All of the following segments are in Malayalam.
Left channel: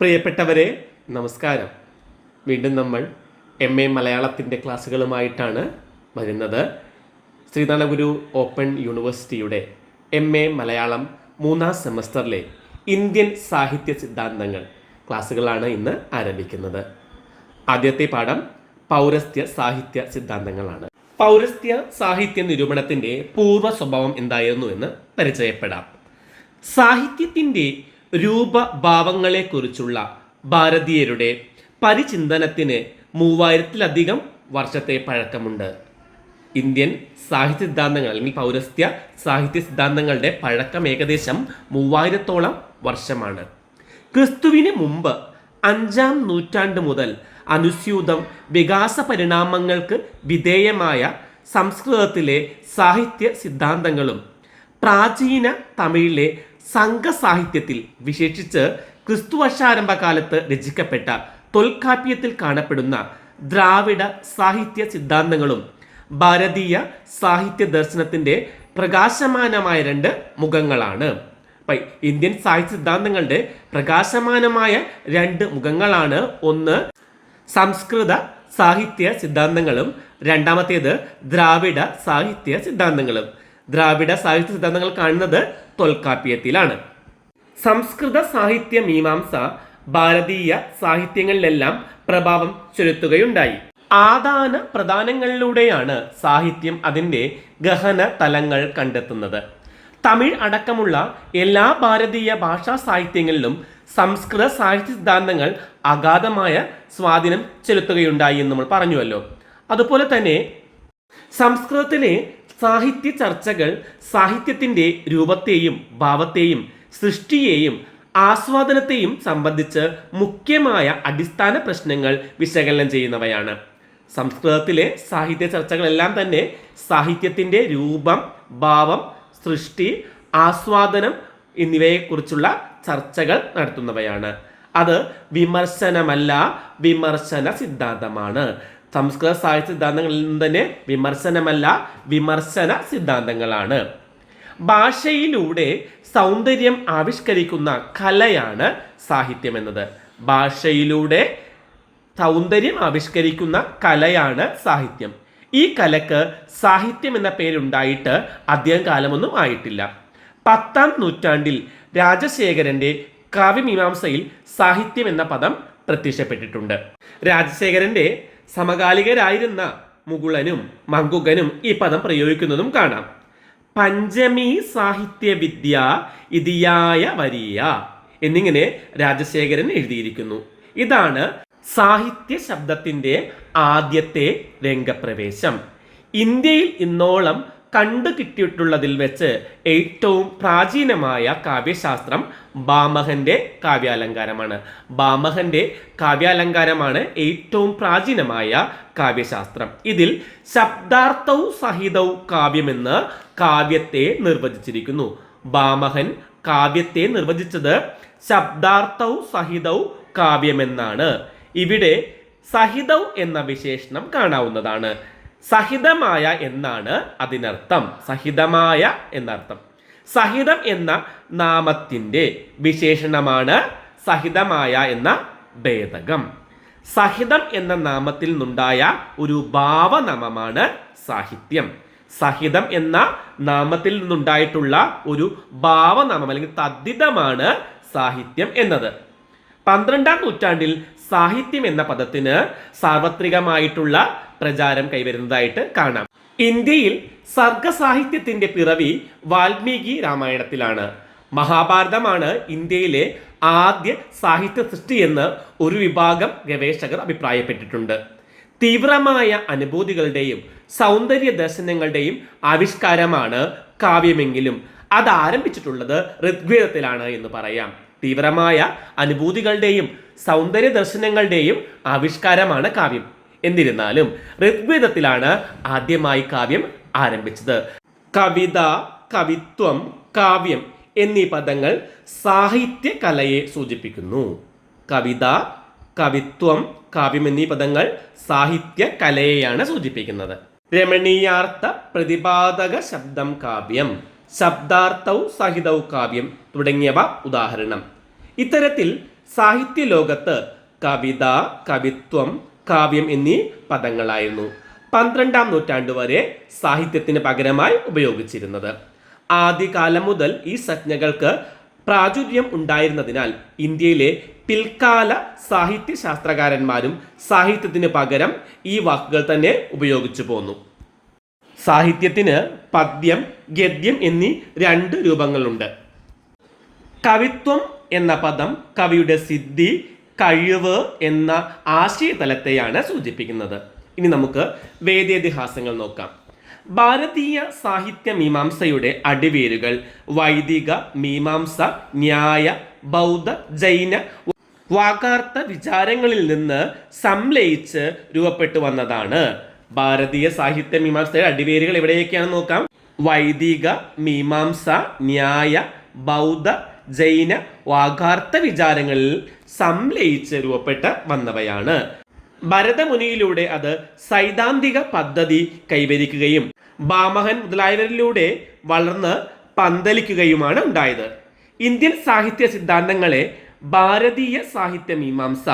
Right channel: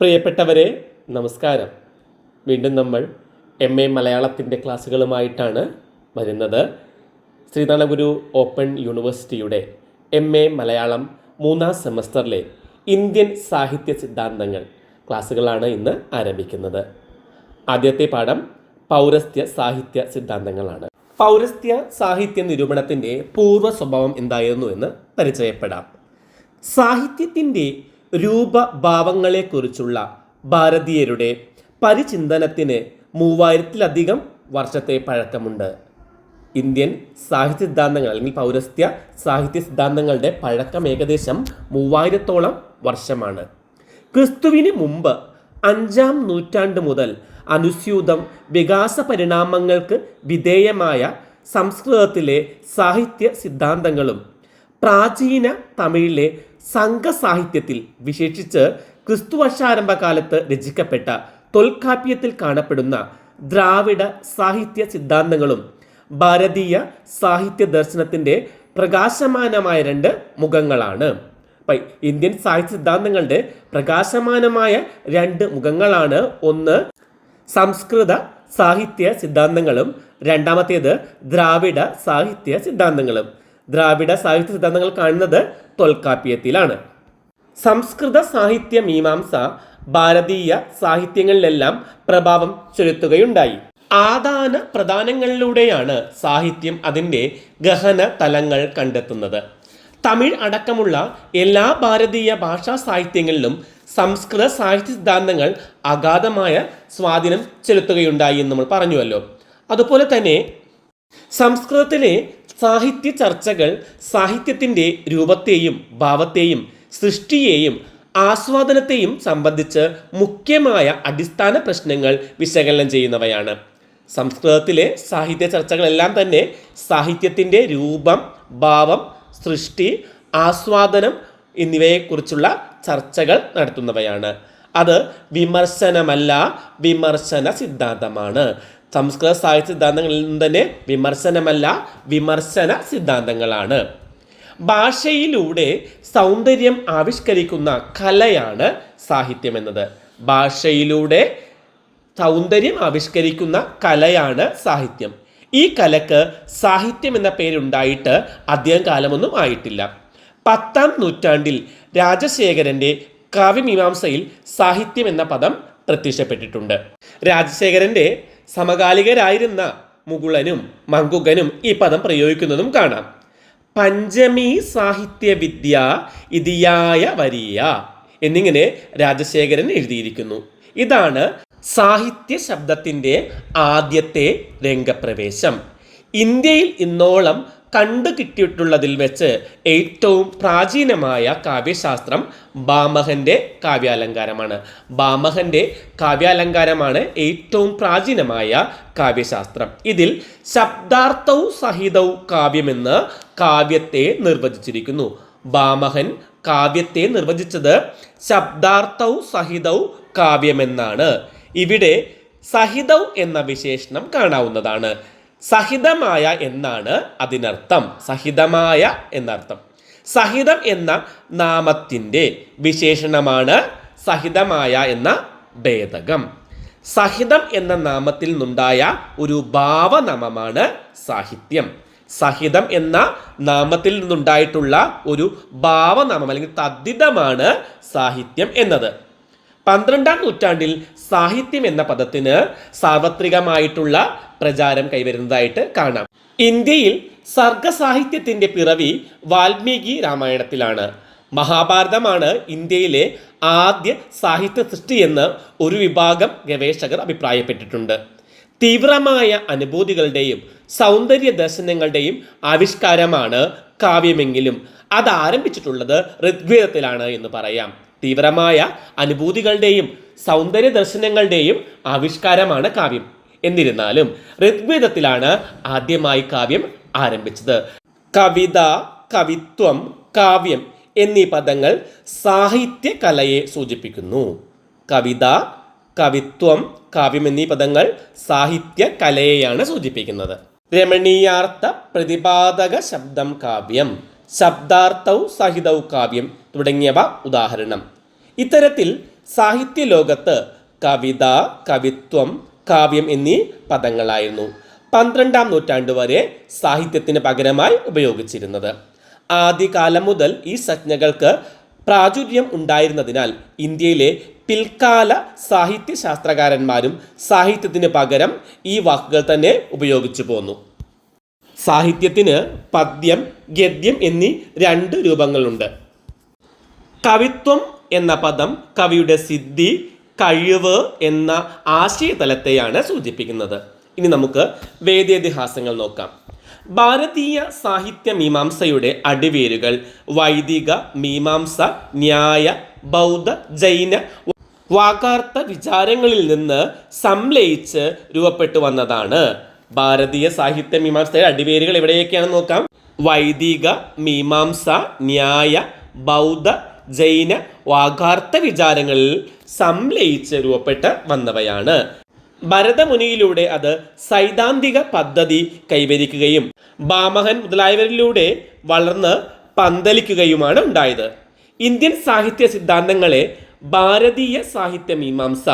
പ്രിയപ്പെട്ടവരെ നമസ്കാരം. വീണ്ടും നമ്മൾ എം എ മലയാളത്തിന്റെ ക്ലാസ്സുകളുമായിട്ടാണ് വരുന്നത്. ശ്രീനാരായണഗുരു ഓപ്പൺ യൂണിവേഴ്സിറ്റിയുടെ എം എ മലയാളം മൂന്നാം സെമസ്റ്ററിലെ ഇന്ത്യൻ സാഹിത്യ സിദ്ധാന്തങ്ങൾ ക്ലാസ്സുകളാണ് ഇന്ന് ആരംഭിക്കുന്നത്. ആദ്യത്തെ പാഠം പൗരസ്ത്യ സാഹിത്യ സിദ്ധാന്തങ്ങളാണ്. പൗരസ്ത്യ സാഹിത്യ നിരൂപണത്തിന്റെ പൂർവ സ്വഭാവം എന്തായിരുന്നു എന്ന് പരിചയപ്പെടാം. സാഹിത്യത്തിന്റെ രൂപഭാവങ്ങളെക്കുറിച്ചുള്ള ഭാരതീയരുടെ പരിചിന്തനത്തിന് മൂവായിരത്തിലധികം വർഷത്തെ പഴക്കമുണ്ട്. ഇന്ത്യൻ സാഹിത്യ സിദ്ധാന്തങ്ങൾ അല്ലെങ്കിൽ പൗരസ്ത്യ സാഹിത്യ സിദ്ധാന്തങ്ങളുടെ പഴക്കം ഏകദേശം മൂവായിരത്തോളം വർഷമാണ്. ക്രിസ്തുവിന് മുമ്പ് അഞ്ചാം നൂറ്റാണ്ട് മുതൽ അനുസ്യൂതം വികാസ പരിണാമങ്ങൾക്ക് വിധേയമായ സംസ്കൃതത്തിലെ സാഹിത്യ സിദ്ധാന്തങ്ങളും പ്രാചീന തമിഴിലെ സംഘസാഹിത്യത്തിൽ വിശേഷിച്ച് ക്രിസ്തുവർഷാരംഭകാലത്ത് രചിക്കപ്പെട്ട തൊൽക്കാപ്യത്തിൽ കാണപ്പെടുന്ന ദ്രാവിഡ സാഹിത്യ സിദ്ധാന്തങ്ങളും ഭാരതീയ സാഹിത്യ ദർശനത്തിന്റെ പ്രകാശമാനമായ രണ്ട് മുഖങ്ങളാണ്. ഇന്ത്യൻ സാഹിത്യ സിദ്ധാന്തങ്ങളുടെ പ്രകാശമാനമായ രണ്ട് മുഖങ്ങളാണ്. ഒന്ന് സംസ്കൃത സാഹിത്യ സിദ്ധാന്തങ്ങളും. രണ്ടാമത്തേത് ദ്രാവിഡ സാഹിത്യ സിദ്ധാന്തങ്ങളും. ദ്രാവിഡ സാഹിത്യ സിദ്ധാന്തങ്ങൾ കാണുന്നത് തൊൽക്കാപ്യത്തിലാണ് സംസ്കൃത സാഹിത്യ മീമാംസ ഭാരതീയ സാഹിത്യങ്ങളിലെല്ലാം പ്രഭാവം ചെലുത്തുകയുണ്ടായി. ആദാന പ്രധാനങ്ങളിലൂടെയാണ് സാഹിത്യം അതിന്റെ ഗഹന തലങ്ങൾ കണ്ടെത്തുന്നത്. തമിഴ് അടക്കമുള്ള എല്ലാ ഭാരതീയ ഭാഷാ സാഹിത്യങ്ങളിലും സംസ്കൃത സാഹിത്യ സിദ്ധാന്തങ്ങൾ അഗാധമായ സ്വാധീനം ചെലുത്തുകയുണ്ടായി എന്ന് നമ്മൾ പറഞ്ഞുവല്ലോ. അതുപോലെ തന്നെ സംസ്കൃതത്തിലെ സാഹിത്യ ചർച്ചകൾ സാഹിത്യത്തിന്റെ രൂപത്തെയും ഭാവത്തെയും സൃഷ്ടിയെയും ആസ്വാദനത്തെയും സംബന്ധിച്ച് മുഖ്യമായ അടിസ്ഥാന പ്രശ്നങ്ങൾ വിശകലനം ചെയ്യുന്നവയാണ്. സംസ്കൃതത്തിലെ സാഹിത്യ ചർച്ചകളെല്ലാം തന്നെ സാഹിത്യത്തിന്റെ രൂപം ഭാവം സൃഷ്ടി ആസ്വാദനം എന്നിവയെക്കുറിച്ചുള്ള ചർച്ചകൾ നടത്തുന്നവയാണ്. അത് വിമർശനമല്ല വിമർശന സിദ്ധാന്തമാണ്. സംസ്കൃത സാഹിത്യ സിദ്ധാന്തങ്ങളിൽ നിന്നും തന്നെ വിമർശനമല്ല വിമർശന സിദ്ധാന്തങ്ങളാണ്. ഭാഷയിലൂടെ സൗന്ദര്യം ആവിഷ്കരിക്കുന്ന കലയാണ് സാഹിത്യം എന്നത്. ഭാഷയിലൂടെ സൗന്ദര്യം ആവിഷ്കരിക്കുന്ന കലയാണ് സാഹിത്യം. ഈ കലക്ക് സാഹിത്യം എന്ന പേരുണ്ടായിട്ട് അധികം കാലമൊന്നും ആയിട്ടില്ല. പത്താം നൂറ്റാണ്ടിൽ രാജശേഖരന്റെ കാവ്യമീമാംസയിൽ സാഹിത്യം എന്ന പദം പ്രത്യക്ഷപ്പെട്ടിട്ടുണ്ട്. രാജശേഖരന്റെ സമകാലികരായിരുന്ന മുകുളനും മങ്കുകനും ഈ പദം പ്രയോഗിക്കുന്നതും കാണാം. പഞ്ചമി സാഹിത്യവിദ്യ ഇതിയായ വരിയ എന്നിങ്ങനെ രാജശേഖരൻ എഴുതിയിരിക്കുന്നു. ഇതാണ് സാഹിത്യ ശബ്ദത്തിന്റെ ആദ്യത്തെ രംഗപ്രവേശം. ഇന്ത്യയിൽ ഇന്നോളം കണ്ടു കിട്ടിയിട്ടുള്ളതിൽ വെച്ച് ഏറ്റവും പ്രാചീനമായ കാവ്യശാസ്ത്രം ബാമഹന്റെ കാവ്യാലങ്കാരമാണ്. ബാമഹന്റെ കാവ്യാലങ്കാരമാണ് ഏറ്റവും പ്രാചീനമായ കാവ്യശാസ്ത്രം. ഇതിൽ ശബ്ദാർത്ഥവും സഹിതവും കാവ്യമെന്ന് കാവ്യത്തെ നിർവചിച്ചിരിക്കുന്നു. ബാമഹൻ കാവ്യത്തെ നിർവചിച്ചത് ശബ്ദാർത്ഥവും സഹിതവും കാവ്യമെന്നാണ് ഇവിടെ സഹിതവ് എന്ന വിശേഷണം കാണാവുന്നതാണ്. സഹിതമായ എന്നാണ് അതിനർത്ഥം. സഹിതമായ എന്നർത്ഥം. സഹിതം എന്ന നാമത്തിന്റെ വിശേഷണമാണ് സഹിതമായ എന്ന ഭേദകം. സഹിതം എന്ന നാമത്തിൽ നിന്നുണ്ടായ ഒരു ഭാവനാമമാണ് സാഹിത്യം. സഹിതം എന്ന നാമത്തിൽ നിന്നുണ്ടായിട്ടുള്ള ഒരു ഭാവനാമം അല്ലെങ്കിൽ തദ്ധിതമാണ് സാഹിത്യം എന്നത്. പന്ത്രണ്ടാം നൂറ്റാണ്ടിൽ സാഹിത്യം എന്ന പദത്തിന് സാർവത്രികമായിട്ടുള്ള പ്രചാരം കൈവരുന്നതായിട്ട് കാണാം. ഇന്ത്യയിൽ സർഗസാഹിത്യത്തിന്റെ പിറവി വാൽമീകി രാമായണത്തിലാണ്. മഹാഭാരതമാണ് ഇന്ത്യയിലെ ആദ്യ സാഹിത്യ സൃഷ്ടി എന്ന് ഒരു വിഭാഗം ഗവേഷകർ അഭിപ്രായപ്പെട്ടിട്ടുണ്ട്. തീവ്രമായ അനുഭൂതികളുടെയും സൗന്ദര്യ ദർശനങ്ങളുടെയും ആവിഷ്കാരമാണ് കാവ്യമെങ്കിലും. അത് ആരംഭിച്ചിട്ടുള്ളത് ഋഗ്വേദത്തിലാണ് എന്ന് പറയാം. തീവ്രമായ അനുഭൂതികളുടെയും സൗന്ദര്യ ദർശനങ്ങളുടെയും ആവിഷ്കാരമാണ് കാവ്യം. എന്നിരുന്നാലും ഋഗ്വേദത്തിലാണ് ആദ്യമായി കാവ്യം ആരംഭിച്ചത്. കവിത കവിത്വം കാവ്യം എന്നീ പദങ്ങൾ സാഹിത്യ കലയെ സൂചിപ്പിക്കുന്നു. കവിത കവിത്വം കാവ്യം എന്നീ പദങ്ങൾ സാഹിത്യ കലയെയാണ് സൂചിപ്പിക്കുന്നത്. രമണീയാർത്ഥ പ്രതിപാദക ശബ്ദം കാവ്യം ശബ്ദാർത്ഥവും സഹിതവും കാവ്യം തുടങ്ങിയവ ഉദാഹരണം. ഇത്തരത്തിൽ സാഹിത്യ ലോകത്ത് കവിത കവിത്വം കാവ്യം എന്നീ പദങ്ങളായിരുന്നു പന്ത്രണ്ടാം നൂറ്റാണ്ട് വരെ സാഹിത്യത്തിന് പകരമായി ഉപയോഗിച്ചിരുന്നത്. ആദ്യകാലം മുതൽ ഈ സജ്ഞകൾക്ക് പ്രാചുര്യം ഉണ്ടായിരുന്നതിനാൽ ഇന്ത്യയിലെ പിൽക്കാല സാഹിത്യ ശാസ്ത്രകാരന്മാരും സാഹിത്യത്തിന് പകരം ഈ വാക്കുകൾ തന്നെ ഉപയോഗിച്ചു പോന്നു. സാഹിത്യത്തിന് പദ്യം ഗദ്യം എന്നീ രണ്ട് രൂപങ്ങളുണ്ട്. കവിത്വം എന്ന പദം കവിയുടെ സിദ്ധി കഴിവ് എന്ന ആശയതലത്തെയാണ് സൂചിപ്പിക്കുന്നത്. ഇനി നമുക്ക് വേദേതിഹാസങ്ങൾ നോക്കാം. ഭാരതീയ സാഹിത്യ മീമാംസയുടെ അടിവേരുകൾ വൈദിക മീമാംസ ന്യായ ബൗദ്ധ ജൈന വാകാർത്ഥ വിചാരങ്ങളിൽ നിന്ന് സംലയിച്ച് രൂപപ്പെട്ടു വന്നതാണ്. ഭാരതീയ സാഹിത്യ മീമാംസയുടെ അടിവേരുകൾ എവിടെയൊക്കെയാണെന്ന് നോക്കാം. വൈദിക മീമാംസ ന്യായ ബൗദ്ധ ജൈന വാഗാർത്ഥ വിചാരങ്ങളിൽ സംലയിച്ച് രൂപപ്പെട്ട് വന്നവയാണ്. ഭരതമുനിയിലൂടെ അത് സൈദ്ധാന്തിക പദ്ധതി കൈവരിക്കുകയും ബാമഹൻ മുതലായവരിലൂടെ വളർന്ന് പന്തലിക്കുകയുമാണ് ഉണ്ടായത്. ഇന്ത്യൻ സാഹിത്യ സിദ്ധാന്തങ്ങളെ ഭാരതീയ സാഹിത്യ മീമാംസ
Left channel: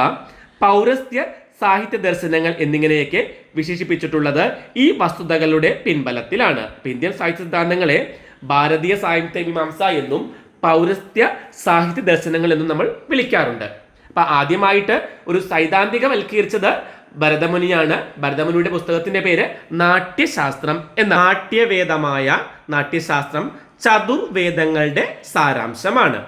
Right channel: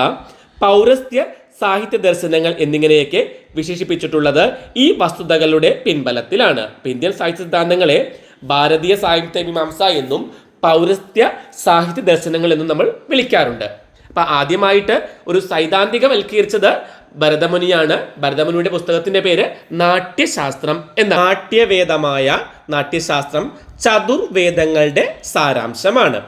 പൗരസ്ത്യ സാഹിത്യ ദർശനങ്ങൾ എന്നിങ്ങനെയൊക്കെ വിശേഷിപ്പിച്ചിട്ടുള്ളത് ഈ വസ്തുതകളുടെ പിൻബലത്തിലാണ്. ഇന്ത്യൻ സാഹിത്യ സിദ്ധാന്തങ്ങളെ ഭാരതീയ സാഹിത്യ മീമാംസ എന്നും പൗരസ്ത്യ സാഹിത്യ ദർശനങ്ങൾ എന്ന് നമ്മൾ വിളിക്കാറുണ്ട്. അപ്പൊ ആദ്യമായിട്ട് ഒരു സൈദ്ധാന്തികവൽക്കരിച്ചത് ഭരതമുനിയാണ്. ഭരതമുനിയുടെ പുസ്തകത്തിന്റെ പേര് നാട്യശാസ്ത്രം എന്ന നാട്യവേദമായ നാട്യശാസ്ത്രം ചതുർവേദങ്ങളുടെ സാരാംശമാണ്.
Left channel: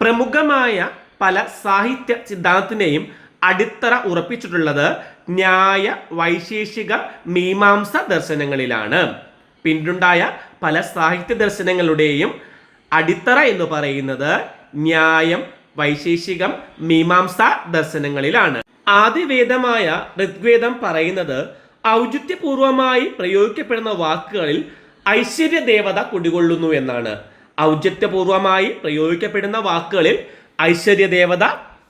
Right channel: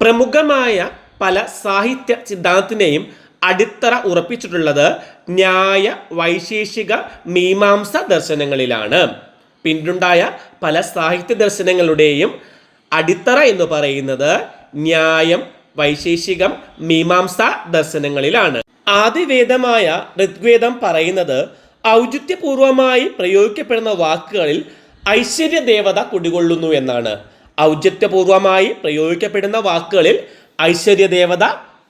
പ്രമുഖമായ പല സാഹിത്യ സിദ്ധാന്തത്തിനെയും അടിത്തറ ഉറപ്പിച്ചിട്ടുള്ളത് ന്യായ വൈശേഷിക മീമാംസ ദർശനങ്ങളിലാണ്. പിന്നുണ്ടായ പല സാഹിത്യ ദർശനങ്ങളുടെയും അടിത്തറ എന്ന് പറയുന്നത് ന്യായം വൈശേഷികം മീമാംസ ദർശനങ്ങളിലാണ്. ആദിവേദമായ ഋഗ്വേദം പറയുന്നത് ഔചിത്യപൂർവമായി പ്രയോഗിക്കപ്പെടുന്ന വാക്കുകളിൽ ഐശ്വര്യ ദേവത കുടികൊള്ളുന്നു എന്നാണ്. ഔചിത്യപൂർവമായി പ്രയോഗിക്കപ്പെടുന്ന വാക്കുകളിൽ ഐശ്വര്യ ദേവത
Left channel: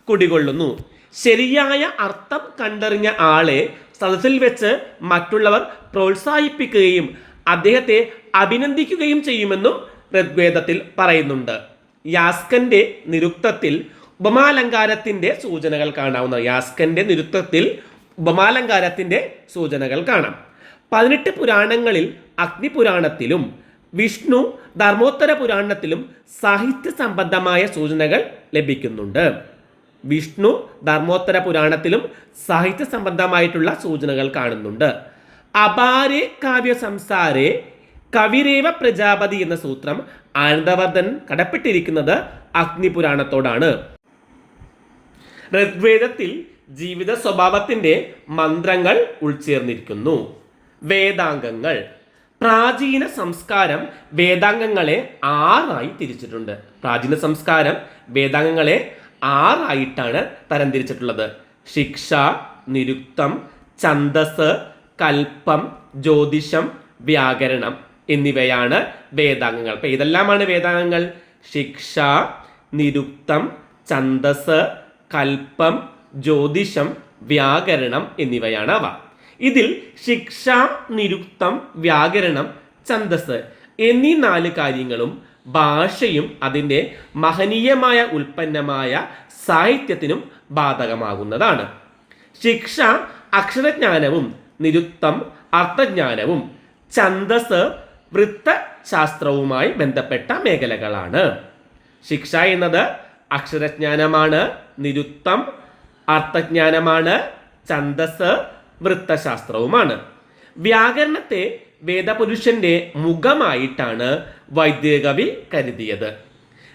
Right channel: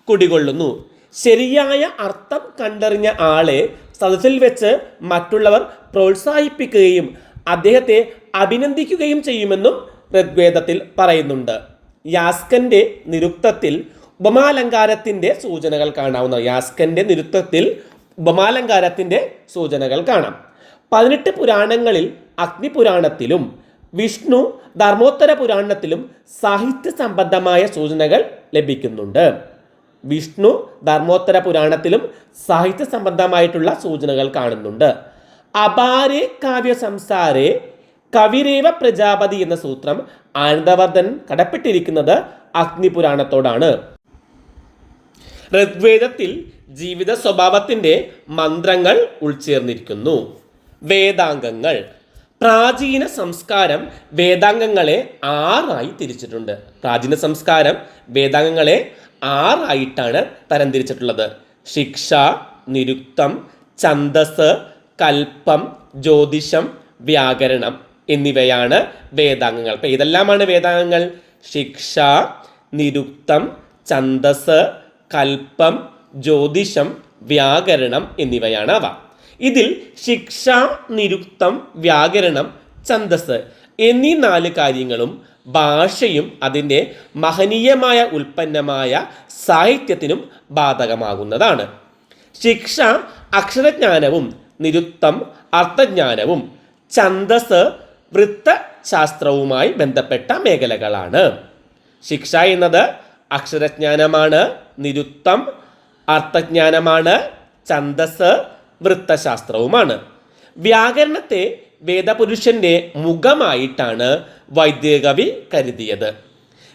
കുടികൊള്ളുന്നു. ശരിയായ അർത്ഥം കണ്ടറിഞ്ഞ ആളെ സദസ്സിൽ വെച്ച് മറ്റുള്ളവർ പ്രോത്സാഹിപ്പിക്കുകയും അദ്ദേഹത്തെ അഭിനന്ദിക്കുകയും ചെയ്യുമെന്നും ഋഗ്വേദത്തിൽ പറയുന്നുണ്ട്. യാസ്കന്റെ നിരുക്തത്തിൽ ഉപമാലങ്കാരത്തിന്റെ സൂചനകൾ കാണാവുന്ന യാസ്കന്റെ നിരുക്തത്തിൽ ഉപമാലങ്കാരത്തിന്റെ സൂചനകൾ കാണാം. പതിനെട്ട് പുരാണങ്ങളിൽ അഗ്നിപുരാണത്തിലും വിഷ്ണു ധർമ്മോത്തര പുരാണത്തിലും സാഹിത്യ സംബന്ധമായ സൂചനകൾ ലഭിക്കുന്നുണ്ട്. വിഷ്ണു ധർമ്മോത്തര പുരാണത്തിലും സാഹിത്യ സംബന്ധമായിട്ടുള്ള സൂചനകൾ കാണുന്നുണ്ട്. അപാരേ കാവ്യ സംസാരേ കവിരേവ പ്രജാപതി എന്ന സൂത്രം ആനന്ദവർദ്ധൻ കടപ്പെട്ടിരിക്കുന്നത് അഗ്നിപുരാണത്തോടാണ്. ഋഗ്വേദത്തിൽ ജീവിത സ്വഭാവത്തിന്റെ മന്ത്രങ്ങൾ ഉൾച്ചേർന്നിരിക്കുന്നു. വേദാംഗങ്ങൾ. പ്രാചീന സംസ്കാരം വേദാംഗങ്ങളെ ആറായി തിരിച്ചിട്ടുണ്ട്. പ്രാചീന സംസ്കാരം വേദാംഗങ്ങളെ ആറായിട്ടാണ് തരംതിരിച്ചിട്ടുള്ളത്. ശിക്ഷ നിരുക്തം ഛന്ദസ് കൽപ്പം ജ്യോതിഷം വ്യാകരണം. എന്നിവയാണ് വേദാംഗങ്ങൾ. അപ്പം ഇതെല്ലാമാണ് വേദാംഗങ്ങൾ. ശിക്ഷ നിരുക്തം ഛന്ദസ് കൽപ്പം ജ്യോതിഷം വ്യാകരണം എന്നിവയാണ് അവ. ഇതിൽ ശിക്ഷ നിരുക്തം വ്യാകരണം ഛന്ദസ് എന്നീ നാല് കാര്യങ്ങളും ഭാഷയും അതിന്റെ മഹനീയമായ ഉൽപ്പന്നമായ സാഹിത്യത്തിനും ബാധകമാകുന്നതാണ്. ശിക്ഷ അക്ഷരജ്ഞാനവും നിരുത്തം അർത്ഥജ്ഞാനവും ഛന്ദസ് വൃത്തശാസ്ത്രവുമായി ബന്ധപ്പെട്ട മേഖലകളാണ്. ശിക്ഷ എന്നത് അക്ഷരജ്ഞാനമാണ് നിരുത്തം അർത്ഥജ്ഞാനമാണ് ഛന്ദസ് വൃത്തശാസ്ത്രവുമാണ്. വ്യാകരണത്തെ വേദപുരുഷന്റെ മുഖമായിട്ടാണ് വൈദ്യകവി കരുതിയത്.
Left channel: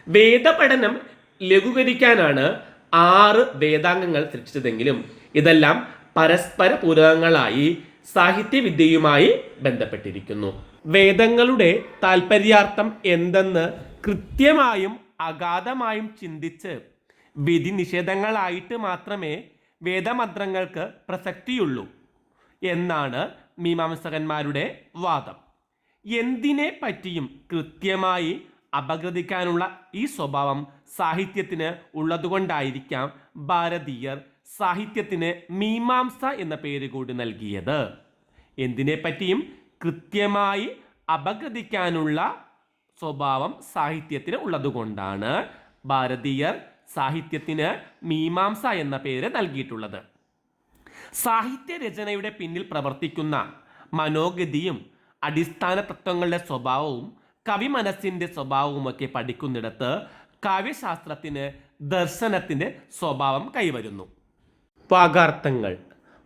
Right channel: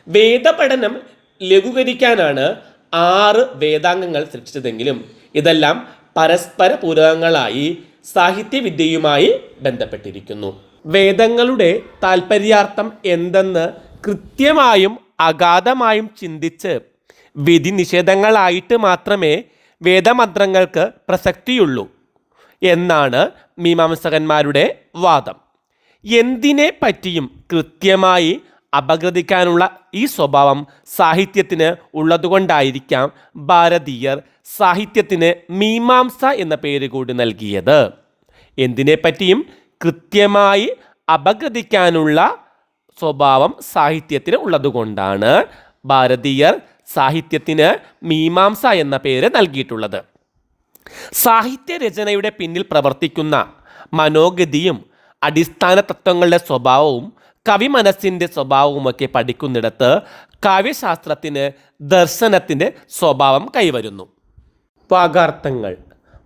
വേദപഠനം ലഘൂകരിക്കാനാണ് ആറ് വേദാംഗങ്ങൾ സൃഷ്ടിച്ചതെങ്കിലും ഇതെല്ലാം പരസ്പര പൂരകങ്ങളായി സാഹിത്യവിദ്യയുമായി ബന്ധപ്പെട്ടിരിക്കുന്നു. വേദങ്ങളുടെ താൽപര്യാർത്ഥം എന്തെന്ന് കൃത്യമായും അഗാധമായും ചിന്തിച്ച് വിധി നിഷേധങ്ങളായിട്ട് മാത്രമേ വേദമന്ത്രങ്ങൾക്ക് പ്രസക്തിയുള്ളൂ എന്നാണ് മീമാംസകന്മാരുടെ വാദം. എന്തിനെ പറ്റിയും കൃത്യമായി അപഗ്രഥിക്കാനുള്ള ഈ സ്വഭാവം സാഹിത്യത്തിന് ഉള്ളതുകൊണ്ടായിരിക്കാം ഭാരതീയർ സാഹിത്യത്തിന് മീമാംസ എന്ന പേര് കൂടി നൽകിയത്. എന്തിനെ പറ്റിയും കൃത്യമായി അപഗ്രഥിക്കാനുള്ള സ്വഭാവം സാഹിത്യത്തിന് ഉള്ളതുകൊണ്ടാണ് ഭാരതീയർ സാഹിത്യത്തിന് മീമാംസ എന്ന പേര് നൽകിയിട്ടുള്ളത്. സാഹിത്യ രചനയുടെ പിന്നിൽ പ്രവർത്തിക്കുന്ന മനോഗതിയും അടിസ്ഥാന തത്വങ്ങളുടെ സ്വഭാവവും കവി മനസ്സിന്റെ സ്വഭാവവുമൊക്കെ പഠിക്കുന്നിടത്ത് കാവ്യശാസ്ത്രത്തിന് ദർശനത്തിന്റെ സ്വഭാവം കൈവരുന്നു. വാഗാർത്ഥങ്ങൾ.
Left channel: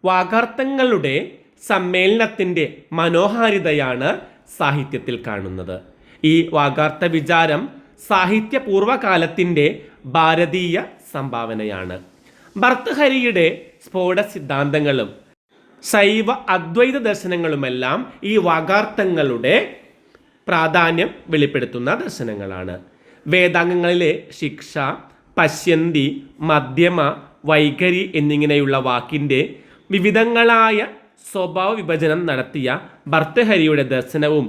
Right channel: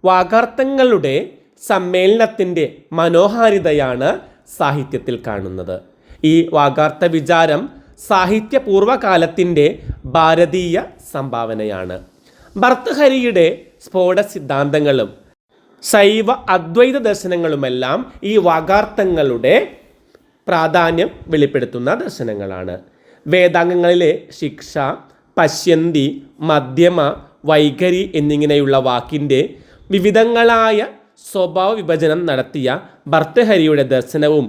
വാഗാർത്ഥങ്ങളുടെ സമ്മേളനത്തിന്റെ മനോഹാരിതയാണ് സാഹിത്യത്തിൽ കാണുന്നത്. ഈ വാഗാർത്ഥ വിചാരം സാഹിത്യ പൂർവകാലത്തിന്റെ ഭാരതീയ സംഭാവനയാണ്. ഭർത്തഹരിയുടെ സ്ഫോട സിദ്ധാന്തങ്ങളും ശൈവ അദ്വൈത ദർശനങ്ങളുമെല്ലാം ഈ വാഗാർത്ഥങ്ങളുടെ പ്രാധാന്യം വെളിപ്പെടുത്തുന്ന ദർശനങ്ങളാണ്. വേദാംഗങ്ങളിലെ ശിക്ഷ പശ്യന്തി മധ്യമ വൈഖരി എന്നിങ്ങനെയുള്ള വാക്കിന്റെ വിവിധങ്ങളായ സ്വഭാവ വിഭജനം നടത്തിയ ഭർത്തഹരിയുടെ ദർശനവും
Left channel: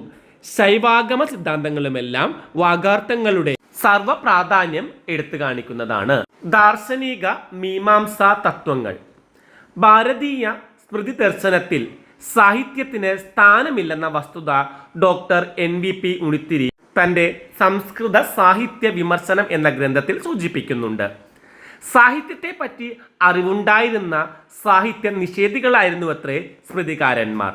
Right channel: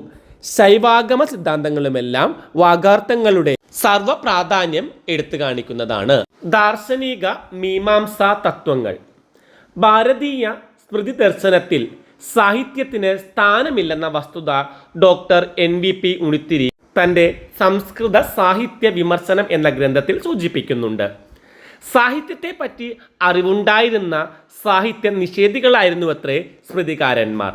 ശൈവാഗമ സിദ്ധാന്തങ്ങളുമെല്ലാം വാഗാർത്ഥങ്ങളുടെ സർവ പ്രാധാന്യം എടുത്തു കാണിക്കുന്നതാണ്. ദാർശനിക മീമാംസാ തത്വങ്ങൾ. ഭാരതീയ സ്മൃതി ദർശനത്തിൽ സാഹിത്യത്തിന് സ്ഥാനമില്ലെന്ന വസ്തുത doctor N V P Unnithiri തന്റെ സംസ്കൃത സാഹിത്യ വിമർശനം എന്ന ഗ്രന്ഥത്തിൽ സൂചിപ്പിക്കുന്നുണ്ട്. സാഹിത്യത്തെ പറ്റി അറിവുണ്ടായിരുന്ന സാഹിത്യ നിഷേധികളായിരുന്നു അത്രേ സ്മൃതികാരന്മാർ.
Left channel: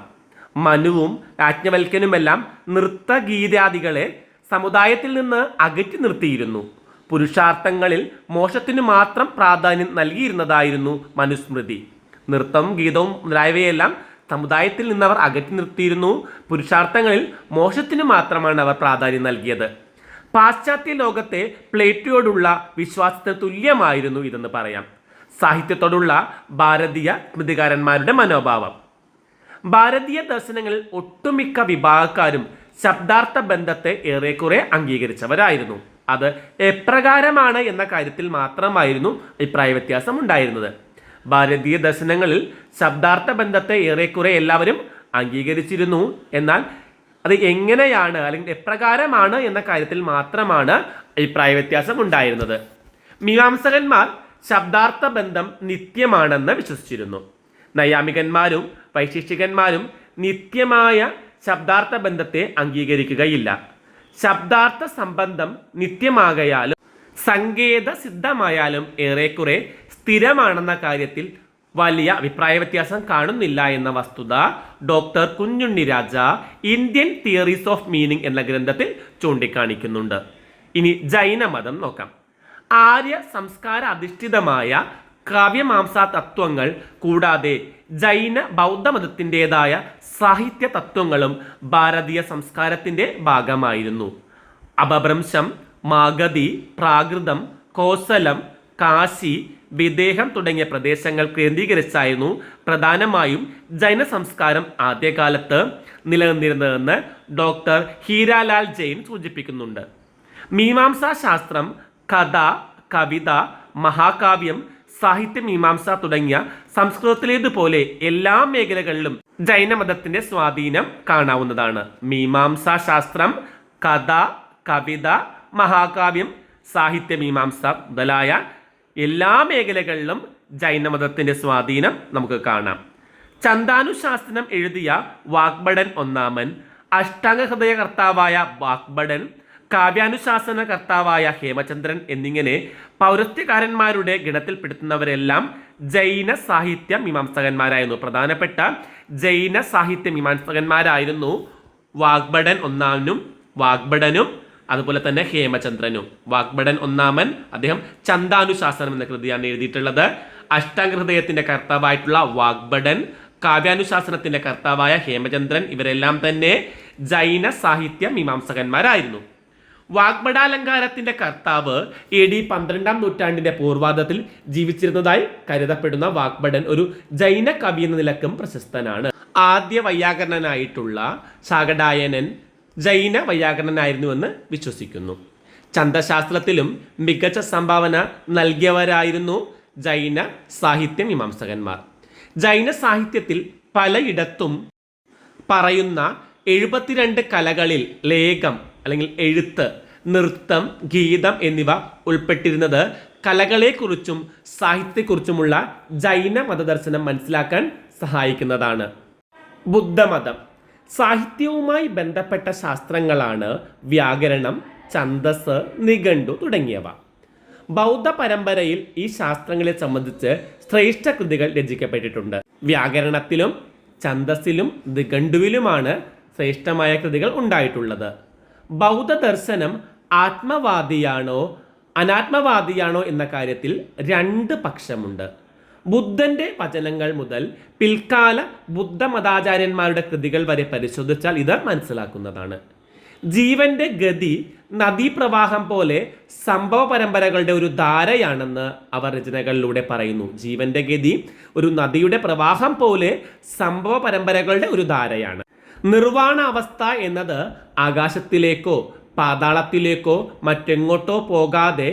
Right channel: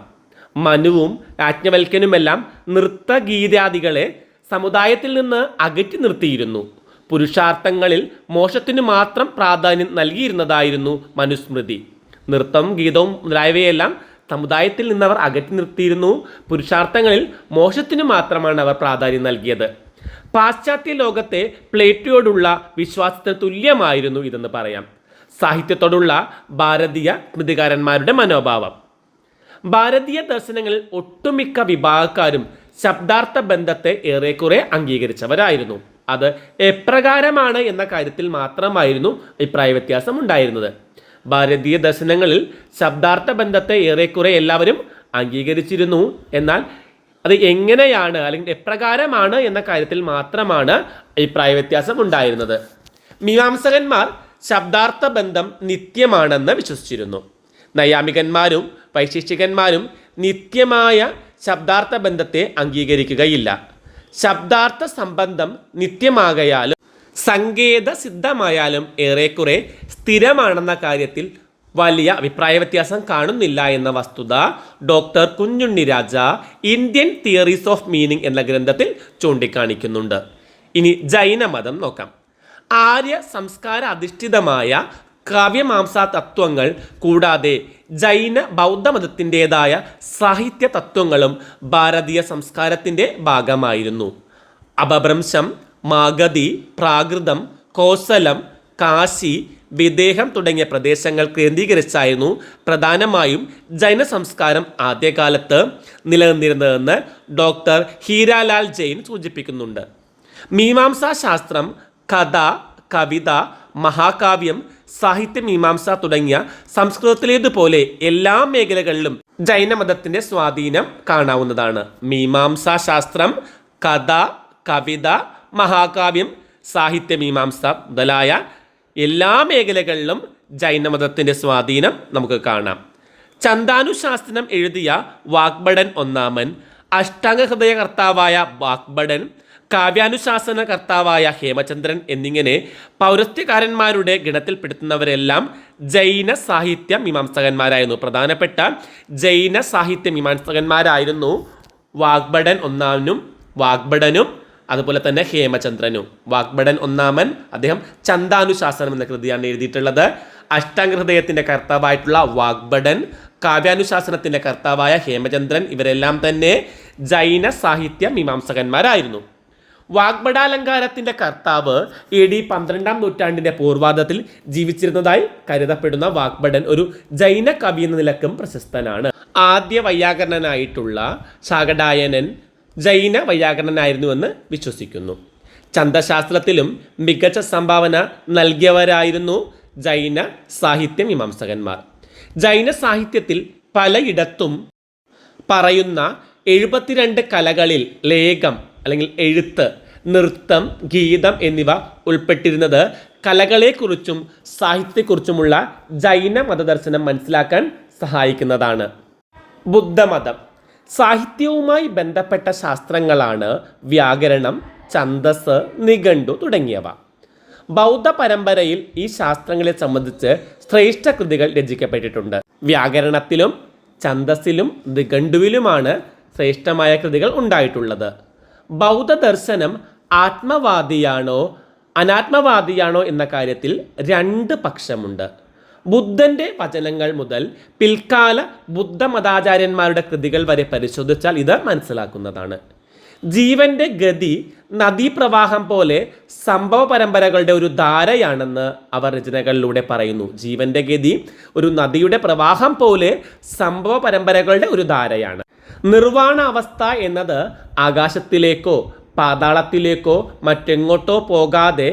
മനുവും രാജ്ഞവൽക്കനുമെല്ലാം നൃത്തഗീതാദികളെ സമുദായത്തിൽ നിന്ന് അകറ്റി നിർത്തിയിരുന്നു. പുരുഷാർത്ഥങ്ങളിൽ മോശത്തിന് മാത്രം പ്രാധാന്യം നൽകിയിരുന്നതായിരുന്നു മനുസ്മൃതി. നൃത്തം ഗീതവും മുതലായവയെല്ലാം സമുദായത്തിൽ നിന്നവർ അകറ്റി നിർത്തിയിരുന്നു. പുരുഷാർത്ഥങ്ങളിൽ മോശത്തിന് മാത്രമാണ് അവർ പ്രാധാന്യം നൽകിയത്. പാശ്ചാത്യ ലോകത്തെ പ്ലേറ്റോയോടുള്ള വിശ്വാസത്തിന് തുല്യമായിരുന്നു ഇതെന്ന് പറയാം. സാഹിത്യത്തോടുള്ള ഭാരതീയ കൃതികാരന്മാരുടെ മനോഭാവം. ഭാരതീയ ദർശനങ്ങളിൽ ഒട്ടുമിക്ക വിഭാഗക്കാരും ശബ്ദാർത്ഥ ബന്ധത്തെ ഏറെക്കുറെ അംഗീകരിച്ചവരായിരുന്നു. അത് എപ്രകാരമാണ് എന്ന കാര്യത്തിൽ മാത്രമായിരുന്നു അഭിപ്രായ വ്യത്യാസം ഉണ്ടായിരുന്നത്. ഭാരതീയ ദർശനങ്ങളിൽ ശബ്ദാർത്ഥ ബന്ധത്തെ ഏറെക്കുറെ എല്ലാവരും അംഗീകരിച്ചിരുന്നു. എന്നാൽ അത് എങ്ങനെയാണ് അല്ലെങ്കിൽ എപ്രകാരമാണ് എന്ന കാര്യത്തിൽ മാത്രമാണ് അഭിപ്രായ വ്യത്യാസം ഉണ്ടായിരുന്നത്. മീമാംസകന്മാർ ശബ്ദാർത്ഥ ബന്ധം നിത്യമാണെന്ന് വിശ്വസിച്ചിരുന്നു. നൈയാമികന്മാരും വൈശിഷ്ടികന്മാരും നിത്യമായ ശബ്ദാർത്ഥ ബന്ധത്തെ അംഗീകരിക്കുകയില്ല. ശബ്ദാർത്ഥ സംബന്ധം നിത്യമാകയാലും സങ്കേത സിദ്ധമായാലും ഏറെക്കുറെ സ്ഥിരമാണെന്ന കാര്യത്തിൽ വലിയ അഭിപ്രായ വ്യത്യാസം കാണുന്നില്ല എന്ന വസ്തുത doctor Kunjunni Raja Indian theories of meaning എന്ന ഗ്രന്ഥത്തിൽ ചൂണ്ടിക്കാണിക്കുന്നുണ്ട്. ഇനി ജൈനമതം നോക്കാം. ആര്യ സംസ്കാര അധിഷ്ഠിതമായ കാവ്യമാംസാ തത്വങ്ങൾ കൂടാതെ ജൈന ബൗദ്ധമതത്തിന്റെതായ സാഹിത്യ തത്വങ്ങളും ഭാരതീയ സംസ്കാരത്തിന്റെ ഭാഗമായിരുന്നു. അപഭ്രംശം മാഗതി പ്രാകൃതം കോസലം കാശി വിദേഹം തുടങ്ങിയ പ്രദേശങ്ങൾ കേന്ദ്രീകരിച്ചായിരുന്നു പ്രധാനമായും ജൈന സംസ്കാരം ആദ്യകാലത്ത് നിലനിന്നിരുന്നതെന്ന് ഡോക്ടർ ഹീരാലാൽ ജെയിൻ സൂചിപ്പിക്കുന്നുണ്ട്. മീമാംസാ ശാസ്ത്രം കഥ കവിത മഹാകാവ്യം സാഹിത്യ മീമാംസ തുടങ്ങിയ സംസ്കൃതത്തിലേതുപോലെ എല്ലാ മേഖലകളിലും ജൈനമതത്തിന്റെ സ്വാധീനം കാണാവുന്നതാണ്. മീമാംസാ ശാസ്ത്രം കഥ കവിത മഹാകാവ്യം സാഹിത്യ മീമാംസ മുതലായ എല്ലാ മേഖലകളിലും ജൈനമതത്തിന്റെ സ്വാധീനം നമുക്ക് കാണാം. ചന്താനുശാസ്ത്രം എഴുതിയ വാഗ്ഭടൻ ഒന്നാമൻ അഷ്ടാംഗ ഹൃദയകർത്താവായ വാഗ്ഭടൻ കാവ്യാനുശാസന കർത്താവായ ഹേമചന്ദ്രൻ എന്നിങ്ങനെ പൗരസ്ത്യകാരന്മാരുടെ ഗണത്തിൽപ്പെടുത്തുന്നവരെല്ലാം ജൈന സാഹിത്യ മീമാംസകന്മാരായിരുന്നു. പ്രധാനപ്പെട്ട ജൈന സാഹിത്യ മീമാംസകന്മാരായിരുന്നു വാഗ്ഭടൻ ഒന്നാമനും വാഗ്ഭടനും അതുപോലെ തന്നെ ഹേമചന്ദ്രനും. വാഗ്ഭടൻ ഒന്നാമൻ അദ്ദേഹം ചന്ദാനുശാസനം എന്ന കൃതിയാണ് എഴുതിയിട്ടുള്ളത്. അഷ്ടാംഗഹൃദയത്തിന്റെ കർത്താവായിട്ടുള്ള വാഗ്ഭടൻ കാവ്യാനുശാസനത്തിന്റെ കർത്താവായ ഹേമചന്ദ്രൻ ഇവരെല്ലാം തന്നെ ജൈന സാഹിത്യ മീമാംസകന്മാരായിരുന്നു. വാഗ്ഭടാലങ്കാരത്തിന്റെ കർത്താവ് എ ഡി പന്ത്രണ്ടാം നൂറ്റാണ്ടിന്റെ പൂർവാദത്തിൽ ജീവിച്ചിരുന്നതായി കരുതപ്പെടുന്ന വാഗ്ഭടൻ ഒരു ജൈന കവി എന്ന നിലക്കും പ്രശസ്തനാണ്. ആദ്യ വൈയാകരണനായിട്ടുള്ള ശാകടായനൻ ജൈന വൈയാകരണനായിരുന്നുവെന്ന് വിശ്വസിക്കുന്നു. ചന്തശാസ്ത്രത്തിലും മികച്ച സംഭാവന നൽകിയവരായിരുന്നു ജൈന സാഹിത്യ മീമാംസകന്മാർ. ജൈന സാഹിത്യത്തിൽ പലയിടത്തും പറയുന്ന എഴുപത്തിരണ്ട് കലകളിൽ ലേഖം അല്ലെങ്കിൽ എഴുത്ത് നൃത്തം ഗീതം എന്നിവ ഉൾപ്പെട്ടിരുന്നത് കലകളെക്കുറിച്ചും സാഹിത്യത്തെക്കുറിച്ചുമുള്ള ജൈന മതദർശനം മനസ്സിലാക്കാൻ സഹായിക്കുന്നതാണ്. ബുദ്ധമതം. സാഹിത്യവുമായി ബന്ധപ്പെട്ട ശാസ്ത്രങ്ങളാണ് വ്യാകരണം ഛന്ദസ് നിഘണ്ടു തുടങ്ങിയവ. ബൗദ്ധ പരമ്പരയിൽ ഈ ശാസ്ത്രങ്ങളെ സംബന്ധിച്ച് ശ്രേഷ്ഠ കൃതികൾ രചിക്കപ്പെട്ടിട്ടുണ്ട്. വ്യാകരണത്തിലും ഛന്ദസ്സിലും നിഘണ്ടുവിലുമാണ് ശ്രേഷ്ഠമായ കൃതികൾ ഉണ്ടായിട്ടുള്ളത്. ബൗദ്ധ ദർശനം ആത്മവാദിയാണോ അനാത്മവാദിയാണോ എന്ന കാര്യത്തിൽ രണ്ട് പക്ഷമുണ്ട്. ബുദ്ധന്റെ വചനങ്ങൾ മുതൽ പിൽക്കാല ബുദ്ധമതാചാര്യന്മാരുടെ കൃതികൾ വരെ പരിശോധിച്ചാൽ ഇത് മനസ്സിലാക്കുന്നതാണ്. ജീവന്റെ ഗതി നദീപ്രവാഹം പോലെ സംഭവ പരമ്പരകളുടെ ഒരു ധാരയാണെന്ന് അവർ രചനകളിലൂടെ പറയുന്നു. ജീവന്റെ ഗതി ഒരു നദിയുടെ പ്രവാഹം പോലെ സംഭവ പരമ്പരകളുടെ ഒരു ധാരയാണ്. നിർവാണ അവസ്ഥ എന്നത് ആകാശത്തിലേക്കോ പാതാളത്തിലേക്കോ മറ്റെങ്ങോട്ടോ പോകാതെ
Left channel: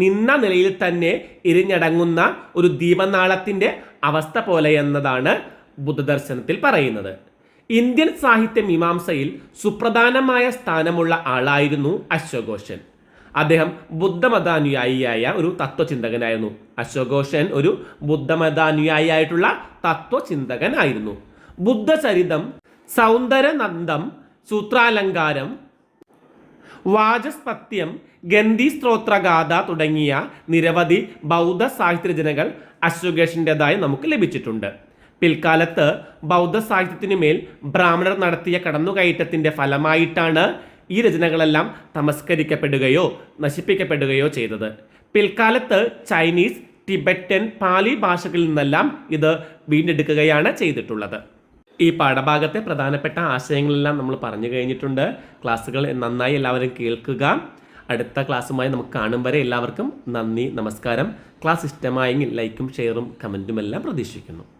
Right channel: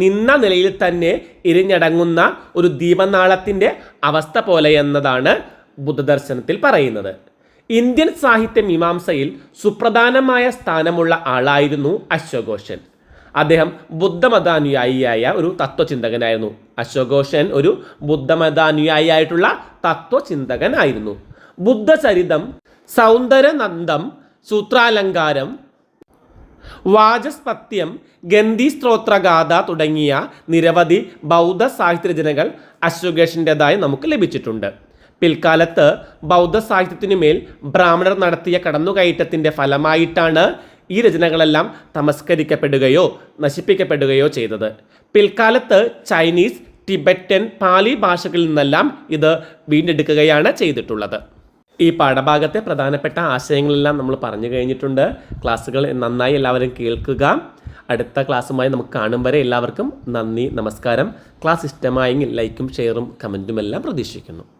നിന്ന നിലയിൽ തന്നെ ഇരിഞ്ഞടങ്ങുന്ന ഒരു ദീപനാളത്തിന്റെ അവസ്ഥ പോലെ എന്നതാണ് ബുദ്ധദർശനത്തിൽ പറയുന്നത്. ഇന്ത്യൻ സാഹിത്യ മീമാംസയിൽ സുപ്രധാനമായ സ്ഥാനമുള്ള ആളായിരുന്നു അശ്വഘോഷൻ അദ്ദേഹം ബുദ്ധമതാനുയായിയായ ഒരു തത്വചിന്തകനായിരുന്നു. അശ്വഘോഷൻ ഒരു ബുദ്ധമതാനുയായിയായിട്ടുള്ള തത്വചിന്തകനായിരുന്നു. ബുദ്ധചരിതം സൗന്ദരനന്ദം സൂത്രാലങ്കാരം വാചസ്പത്യം ഗന്ധി തുടങ്ങിയ നിരവധി ബൗദ്ധ സാഹിത്യ രചനകൾ അശ്വഘേഷിന്റെതായി നമുക്ക് ലഭിച്ചിട്ടുണ്ട്. പിൽക്കാലത്ത് ബൗദ്ധ സാഹിത്യത്തിനുമേൽ ബ്രാഹ്മണർ നടത്തിയ കടന്നുകയറ്റത്തിന്റെ ഫലമായിട്ടാണ് ഈ രചനകളെല്ലാം തമസ്കരിക്കപ്പെടുകയോ നശിപ്പിക്കപ്പെടുകയോ ചെയ്തത്. പിൽക്കാലത്ത് ചൈനീസ് ടിബറ്റൻ പാലി ഭാഷകളിൽ നിന്നെല്ലാം ഇത് വീണ്ടെടുക്കുകയാണ് ചെയ്തിട്ടുള്ളത്. ഈ പാഠഭാഗത്തെ പ്രധാനപ്പെട്ട ആശയങ്ങളെല്ലാം നമ്മൾ പറഞ്ഞു കഴിഞ്ഞിട്ടുണ്ട്. ക്ലാസ്സുകൾ നന്നായി എല്ലാവരും കേൾക്കുക. അടുത്ത ക്ലാസ്സുമായി നമുക്ക് കാണും വരെ എല്ലാവർക്കും നന്ദി നമസ്കാരം. ക്ലാസ് ഇഷ്ടമായെങ്കിൽ ലൈക്കും ഷെയറും കമന്റുമെല്ലാം പ്രതീക്ഷിക്കുന്നു.